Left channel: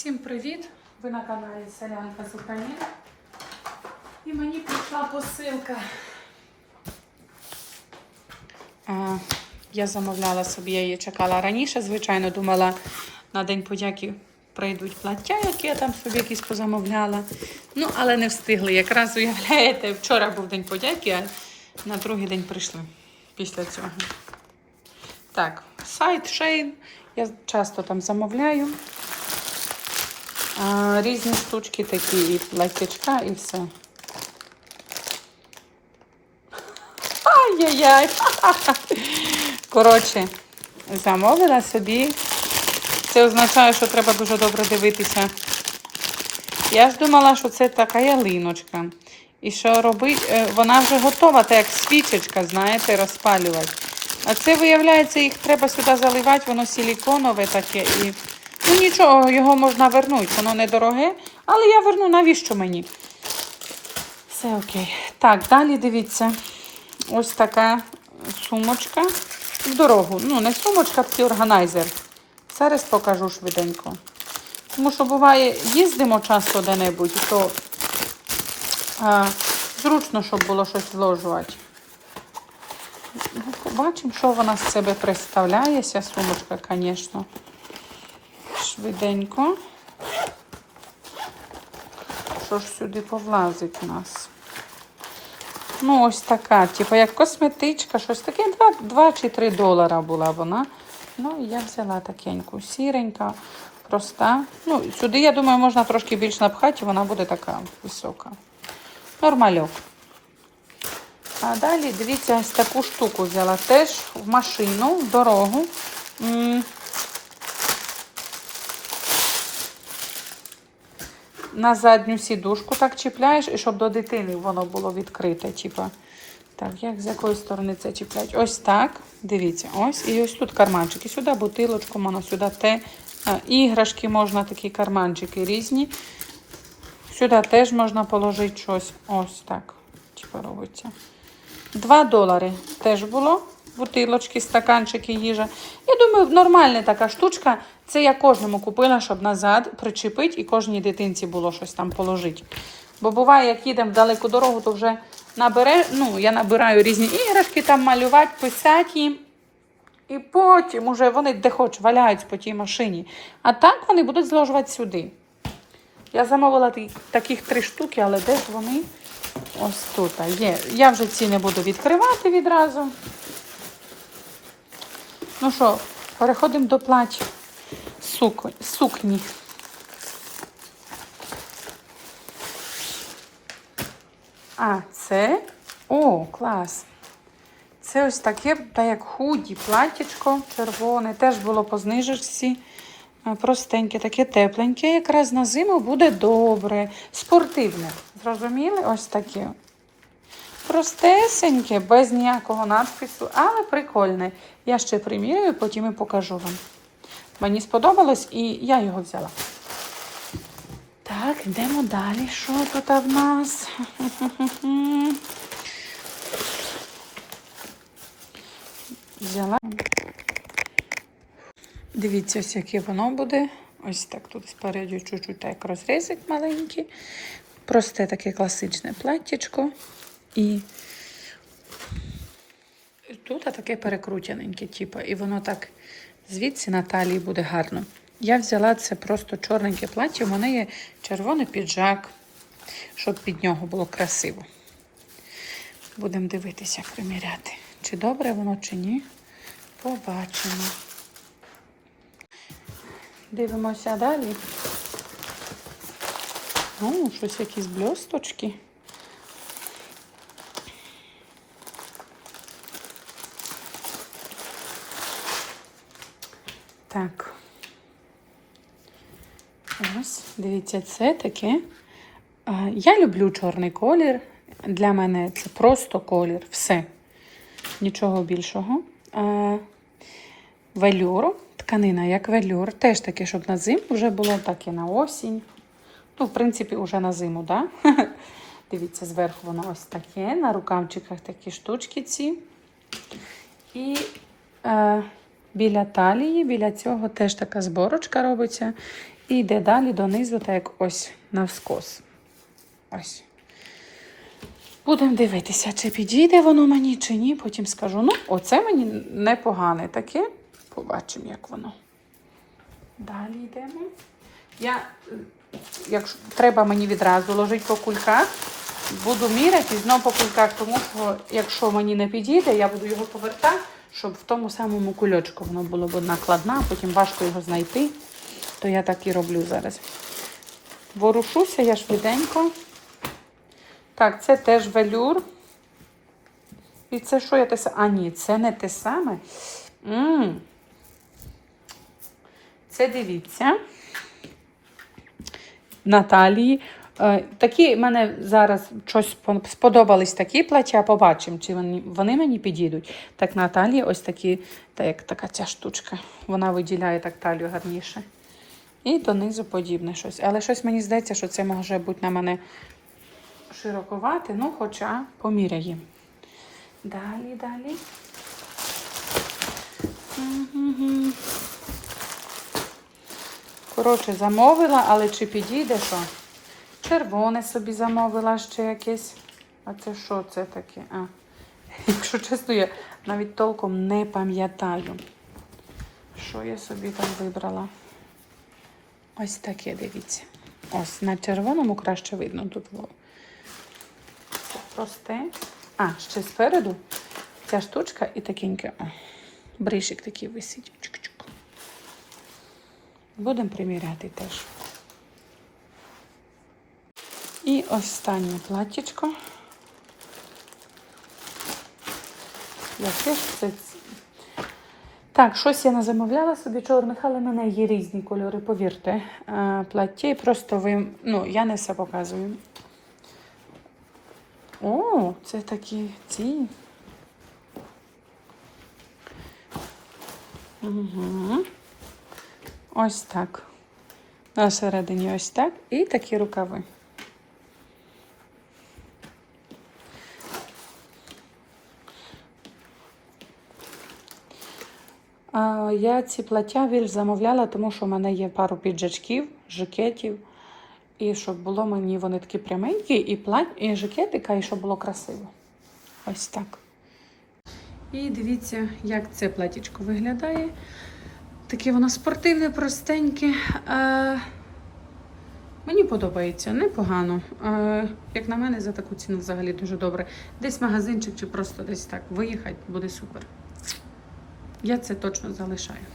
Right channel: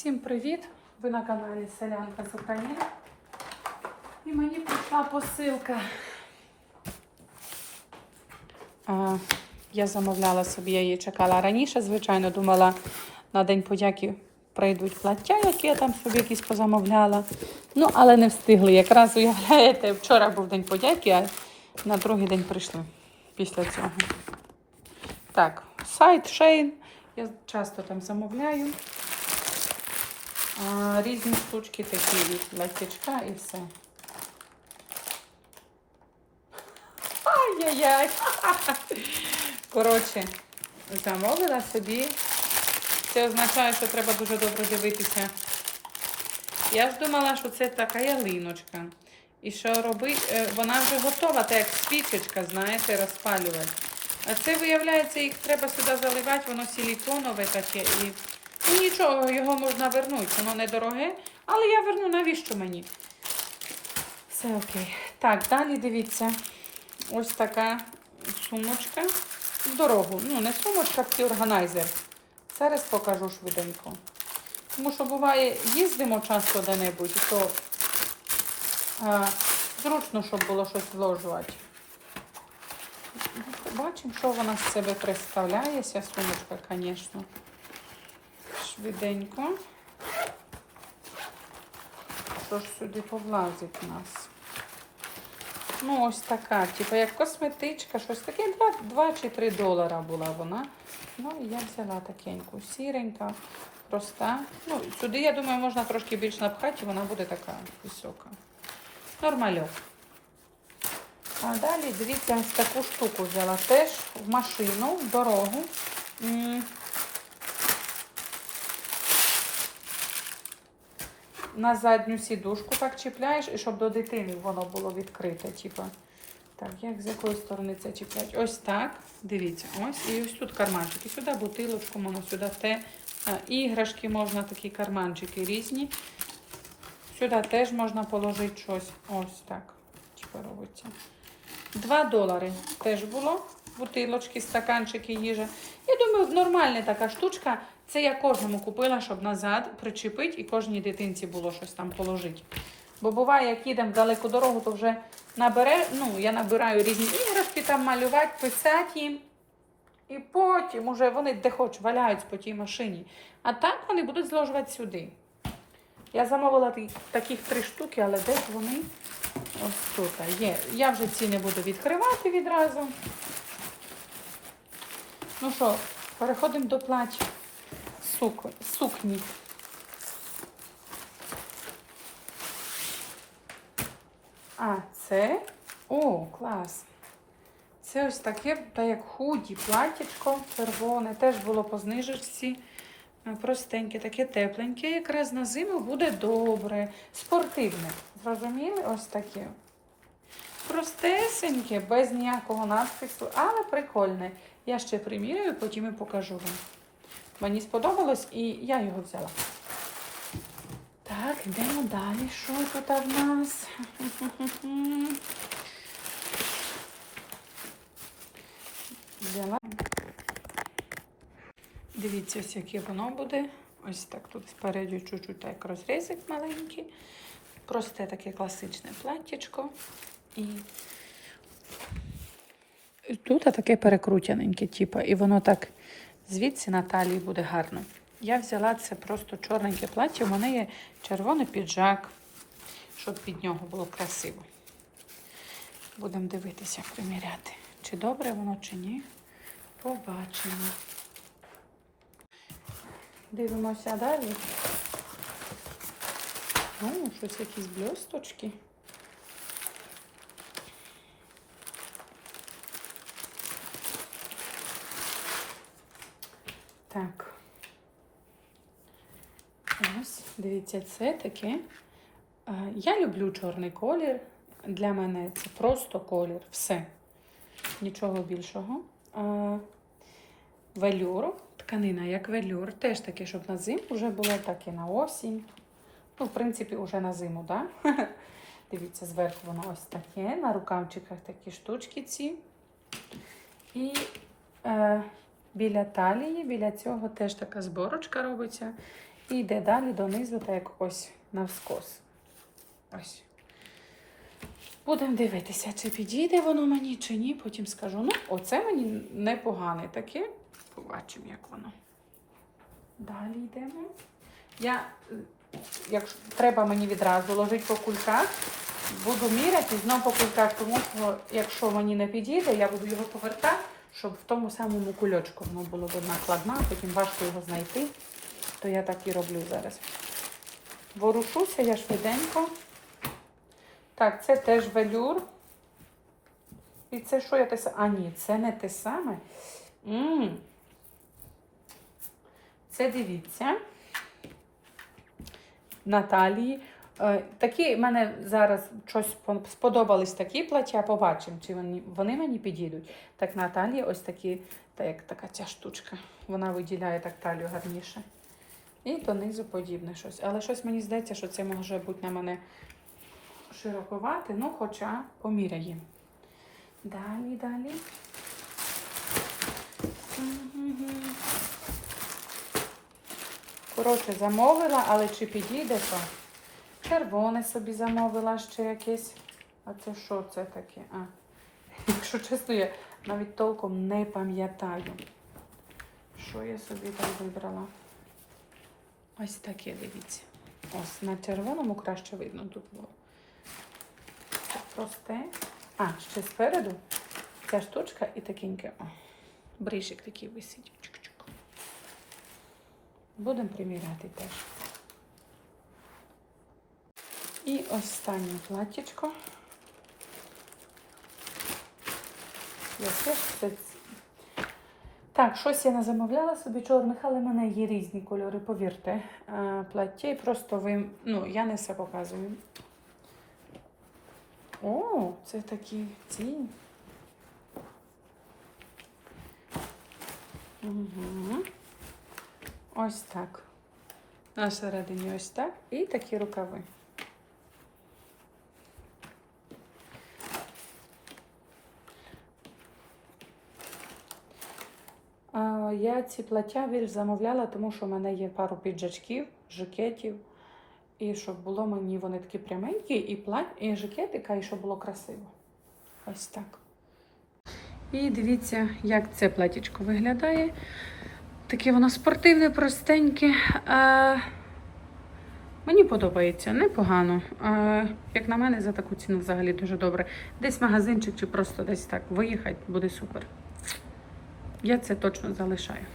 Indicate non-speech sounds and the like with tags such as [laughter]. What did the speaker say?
Всім привіт! Ви на каналі Селянка з України. І мені прийшла посилка. А, я замовляла собі, я її чекала раніше. Звичайно, думала на День подяки прийдуть плаття, які я там собі якісь позамовляла. Ну, але не встигли. Якраз уявляєте, вчора був День подяки, а на другий день прийшли після цього. Так, сайт Shein. Я часто там замовляю. Різні штучки такі від платячка і все. Ай-яй-яй! [laughs] Коротше, замовила собі. Це означає, що треба дуже добре дивитися. Я ж думала, що це така ялиночка. І що робить, е, вона вже готова, так як свічечка, знаєте, розпалювати. А це, виявляється, їх треба сюди заливати, воно силіконове таке. І... Ну нічого, його можна вернути, воно недороге, але я верну, навіщо мені? Все окей. Так, далі дивіться. Ось така сумочка в дорогу. Ну, не сумочка, такий органайзер. Зараз покажу швиденько. Тому що буває, їздимо часто де-небудь, то а, зручно, щоб було щось вложувати. Ну, Побачимо, що вона з себе представляє, ця сумочка, звісно. Швиденько. Що ж сюди повлазить у нас? Ну, ось така, типу, як косметичка, щось таке. 2, 2 чи 3 долара була вона. Ну, я взяла такеньку, сіренька, проста. Ну, сюди, я думаю, можна трошки більш напхати, вона буде така висока. Нормальок. А далі, дивіться, ось таку штуку взяла. Теж в машину, в дорогу. На задню сідушку так чіпляєш, і щоб до дитини воно було відкрите. Типа. Так, як з якої сторони це чіплять? Ось так. Дивіться, ось. І ось тут карманчики. Сюди бутилочку, можна сюди те. Іграшки можна, такі карманчики різні. Сюди теж можна положити щось. Ось так. Чіпа робиться. 2 долари теж було. Бутилочки, стаканчики, їжа. Я думаю, нормальна така штучка. Це я кожному купила, щоб назад причепити і кожній дитинці було щось там положити. Бо буває, як їдемо в далеку дорогу, то вже набере, ну, я набираю різні іграшки, там малювати, писати їм. І потім уже вони де хоч валяють по тій машині. А так вони будуть зложувати сюди. Я замовила таких три штуки, але де ж вони? Ось тут є. Я вже ці не буду відкривати відразу. Ну що, переходимо до плать сукні. А, це. О, клас. Це ось таке, та як худі, платтячко червоне. Теж було по знижечці. Простеньке, таке тепленьке. Якраз на зиму буде добре. Спортивне. Зрозуміли? Ось таке. Простесеньке, без ніякого надпису, але прикольне. Я ще примірюю, потім і покажу вам. Мені сподобалось і я його взяла. Так, йдемо далі. Що тут в нас? [laughs] Взяла. Дивіться, ось яке воно буде. Ось так тут спереду чуть-чуть так розрізик маленький. Просте таке класичне платтячко. І і тут таке перекрутяненьке, типу, і воно так звідси на талії буде гарно. Я взяла це просто чорненьке плаття. У мене є червоний піджак, щоб під нього було красиво. Будемо дивитися, приміряти. Чи добре воно, чи ні. Побачимо. Дивимося далі. О, щось якісь бльосточки. Так. Ось, дивіться, це таке. Я люблю чорний колір. Для мене це просто колір. Все. Нічого більшого. Велюр, тканина як велюр. Теж таке, щоб на зиму вже було, так і на осінь. Ну, в принципі, вже на зиму? Да? [laughs] Дивіться, зверху воно ось таке. На рукавчиках такі штучки ці. І е, біля талії, біля цього теж така зборочка робиться. І йде далі донизу, так як ось навскос. Ось. Будемо дивитися, чи підійде воно мені, чи ні. Потім скажу. Ну, оце мені непогане таке. Побачимо, як воно. Далі йдемо. Я, якщо треба мені відразу ложити по кульках, буду міряти і знову по кульках, тому що якщо мені не підійде, я буду його повертати, щоб в тому самому кульочку воно було б накладна, потім важко його знайти. То я так і роблю зараз. Ворушуся я швиденько. Так, це теж велюр. І це що я те саме? А, ні, це не те саме. м Це дивіться. Наталії. Е, Такі мене зараз щось сподобались такі плаття, побачимо, чи вони, вони мені підійдуть. Так, Наталії ось такі, так як така ця штучка. Вона виділяє так талію гарніше. І донизу подібне щось. Але щось мені здається, що це може бути на мене широковате, ну, хоча поміряємо. Далі, далі. Коротше, замовила, але чи підійде що? Червоне собі замовила ще якесь. А це що це таке? А. [laughs] Якщо чесно, я навіть толком не пам'ятаю, що я собі там вибрала. Ось таке, дивіться. Ось на червоному краще видно тут. Тут просте. А, ще спереду ця штучка і такеньке. Бришик такий висить. Будемо приміряти теж. І останнє платтячко. Так, щось я не замовляла собі чорних, але в мене є різні кольори, повірте. Е, Плаття і просто ви. Ну, я не все показую. О, це такі ці. Угу. Ось так. На середині ось так. І такі рукави. Я ці плаття більш замовляла, тому що в мене є пару піджачків, жакетів. І щоб було мені вони такі пряменькі, і плать, і жакетика, і щоб було красиво. Ось так. І дивіться, як це платічко виглядає. Таке воно спортивне, простеньке. Е, мені подобається, непогано. Е, як на мене, за таку ціну взагалі дуже добре. Десь магазинчик чи просто десь так виїхати, буде супер. Я це точно залишаю.